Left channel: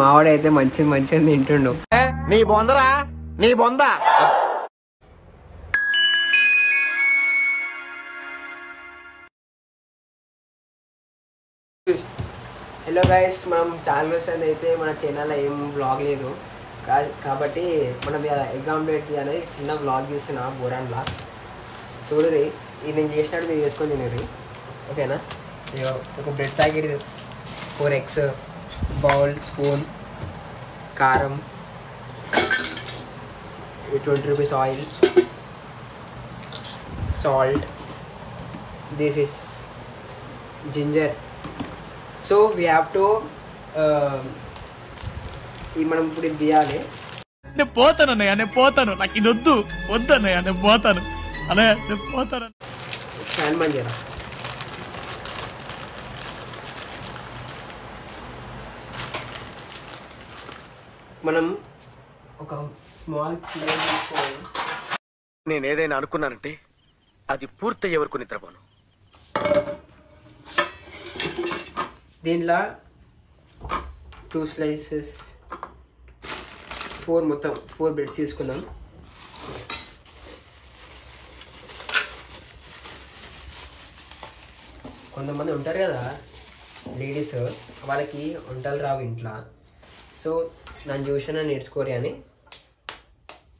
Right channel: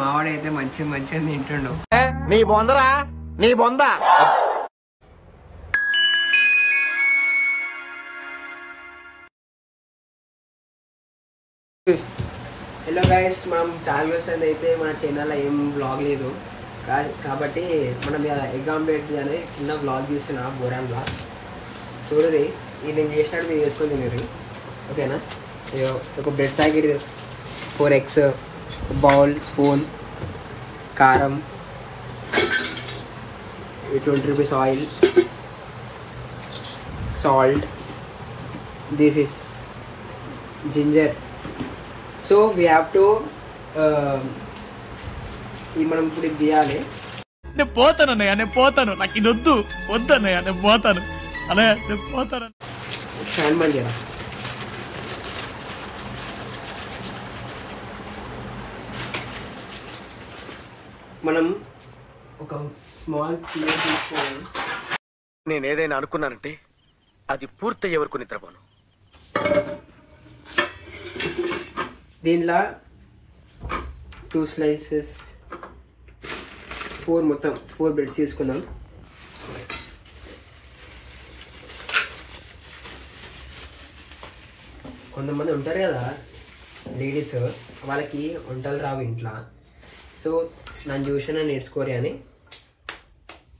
మావాడైతే మంచిగా తింటుండు. నీ బొందరా నీ బొంద. హలో గైస్, మనం చాలా రోజులు అయితే మన ఛానల్లో ఏం బ్లాగ్ లేదు కాబట్టి మనం ఎగ్ ఆమ్లెట్ అనేది చిన్న బ్లాగ్ తీస్తున్నా, బోరాన్ బ్లాగ్. చూడది ఇది నేను చేసినట్టు మీరు చేసుకొని తినేది, ఓకేనా? ఒక bread packet, 4 eggs, bowl, spoon, కారం, 20 rupees oil, salt, this is ginger. So we have to ఈ మనం ఇప్పుడు ఇది తీయాలి. నేను పోతాను అన్నయ్య, నేను పోతాను, నాకు ఇది వద్దు అన్నయ్య, నేను పోతాను అన్నయ్య, నేను పోతాను. ఫ్యాన్ బంద్ చేయరా. మనం ఒక స్మాల్ పీస్ తీసుకోవాలి. నేను ఏదైనా అనుకున్నానంటే అది పూర్తయ్యే వరకు నిద్రపోను. దీనిలో 2 slices, 4 బ్రెడ్స్ తీసుకుందాం. కొంతమంది ఉంటారు కదా లేడీస్, వాళ్ళకి వంటలు రావు ఇంట్లో. సో నన్ను చూసి నేర్చుకోరు అని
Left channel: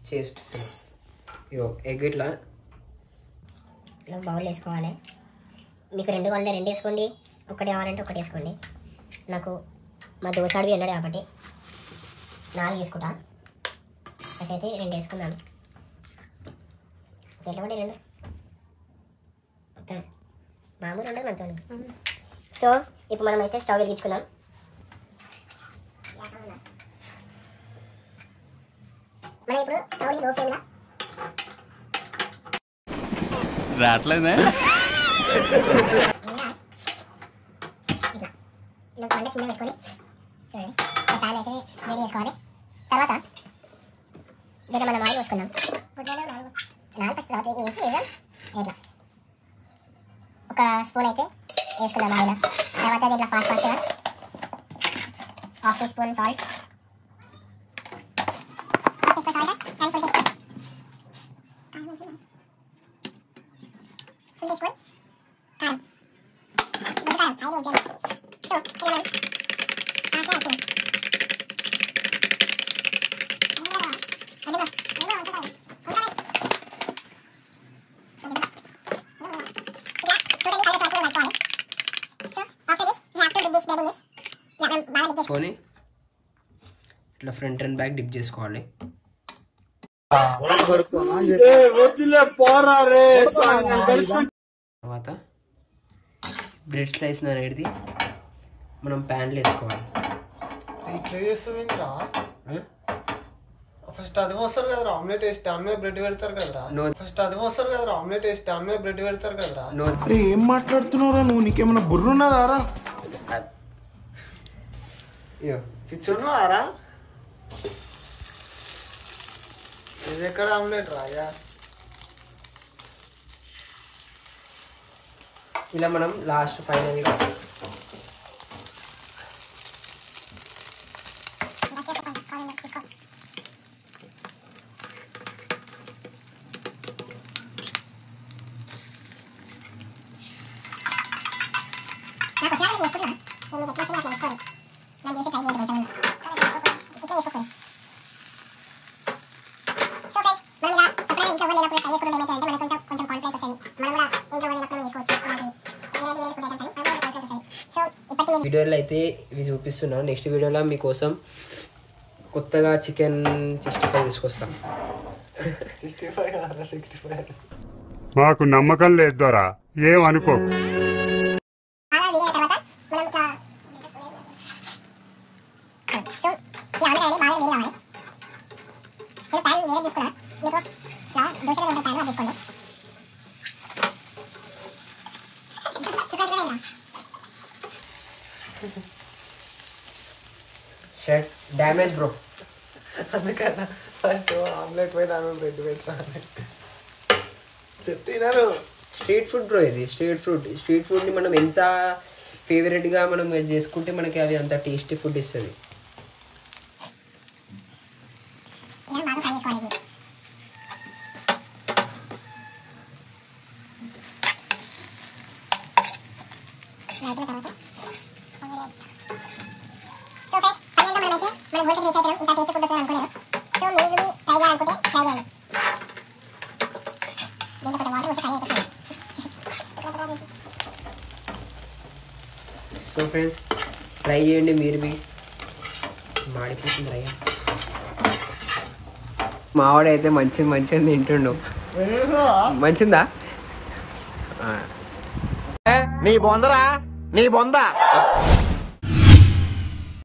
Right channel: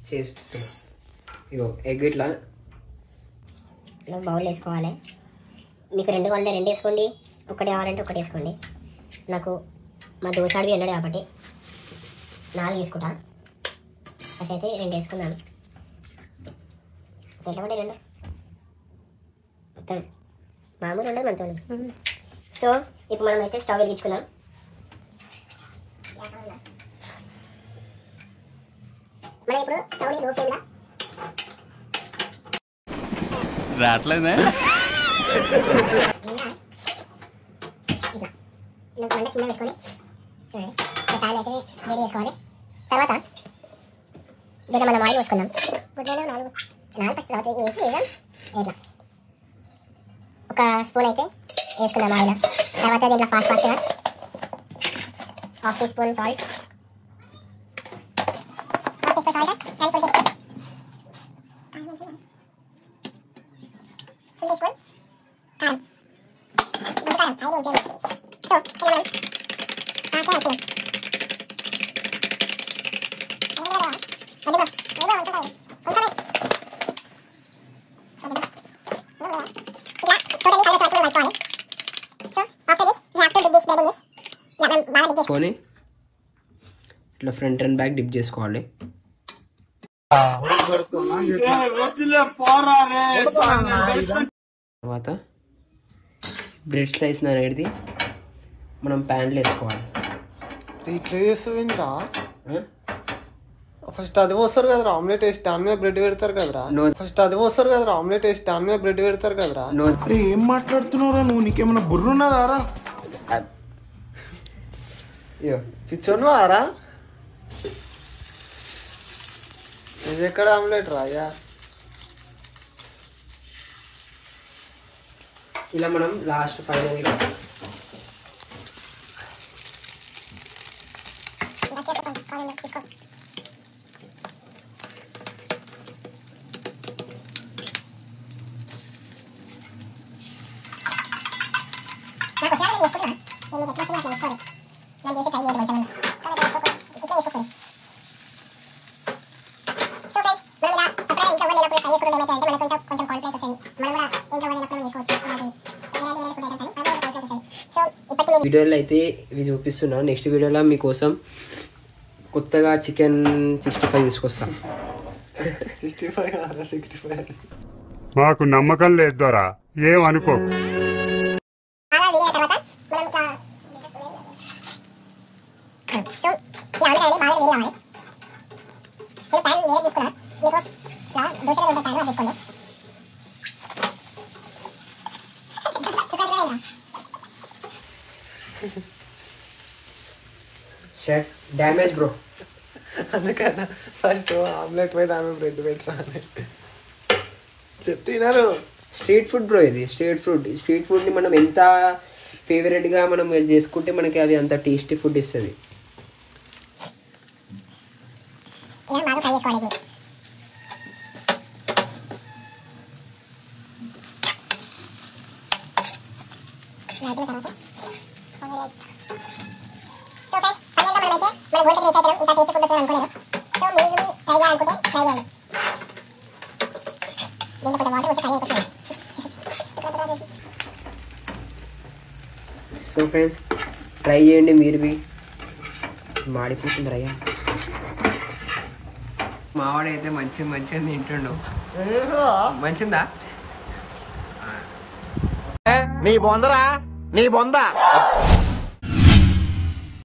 చేస్తున్నాను. ఇగో ఎగ్ ఇట్లా బౌల్ వేసుకోవాలి. మీకు 2 కావాలంటే 2 వేసుకోండి, 1 కావాలంటే 1 వేసుకోండి. నాకు మా దోసాడివి అన్నాడు కాబట్టి 4 తీసుకుంటా. ఫస్ట్ అయితే 2 వేసుకున్నాను. ఎట్లా పడి 2 మొత్తం మామూలు ఉండదు మనతో. సో ఇప్పుడు మనం అయితే స్టవ్ వెలిగించుకుందాం. మనం ఇప్పుడు స్టవ్ని లో ఫ్లేమ్లో రావట్లేదే వంట చిన్న పెట్టుకొని చూడండి, ఒకసారి అయితే రెడీ చేసుకోవాలి. తర్వాత దీన్ని మనం ఆయిల్ వేసుకుందాం. నాలుగు ఫస్ట్ తర్వాత ఇట్లా 1 స్పూన్ అయితే వేసుకుందాం ఆయిల్. తర్వాత దీంట్లో fast 1/2 teaspoon salt, 1 teaspoon salt, 1 teaspoon 2 teaspoon కారం. కారం 5 ఉంటాయి. సో ఇలా కొని ఇట్లా ఫ్రంట్ అండ్ బ్యాక్ డిప్ చేసుకోవాలి. తర్వాత బ్రెడ్ స్లైస్ అనేది మనం ప్యాన్లో వేసుకోవాలి. ఇట్లా చేస్తావు ఇంకా ఫస్ట్ అది పోస్తారు కదరా ఆమ్లెట్ వేసి దాని మీద బ్రెడ్ పెడతారు కదరా. ఫస్ట్ అది పోస్తారు కదరా ఆమ్లెట్ వేసి దాని మీద బ్రెడ్ పెడతారు కదరా. అరే ఏం మాట్లాడుతున్నారా నువ్వు? నీకేమన్నా బుర్ర ఉన్నదారా? పిచ్చున్నారా? ఇది ఎక్కడ ఆమ్లెట్ రాయా? ఇలా మనం లాస్ట్ ఫైనల్గా వీడియోలో అయితే ఇవి చూపిస్తున్నా. నెక్స్ట్ వీడియోలో మీకోసం కొత్తగా చికెన్ 65 తీసుకొస్తాను. 65 మాకు నమ్మకం లేదు దొరా, ఏమనుకో. షర్ట్ డ్యామేజ్ బ్రో, అందుకన్నా ఫస్ట్ ఆమ్లెట్ మీద ఆమె బ్రెడ్ పెట్టరా అని చెప్తున్నారు. స్ట్రీట్ ఫుడ్ బ్రో, ఇది స్ట్రీట్ ఫుడ్ ని మనం ఎంత ఫేవరెట్ గా మనం చేసుకుంటే మనకి అది అంత టేస్టీ ఫుడ్ ఇస్తుంది. బాగా ఫ్రై చేసుకోవాలి. సో ఫ్రెండ్స్ ఫైనల్గా మనమైతే మన గోల్కి రీచ్ అవుతాం. ఇంకా టేస్ట్ ఫుడ్ వస్తుంది అనుకోలేదు. సో మీరు ట్రై చేయాలనుకుంటే ట్రై చేయండి. దీంట్లో కొంచెం వాటర్ వస్తే ఫ్రై అయిపోతుంది. సో ఫ్రెండ్స్ ట్రై చేయండి మీరు మాడిపోతుంది రయ్య. మావాడైతే మంచిగా తింటుండు. మంచిందా నీ బొందరా నీ బొంద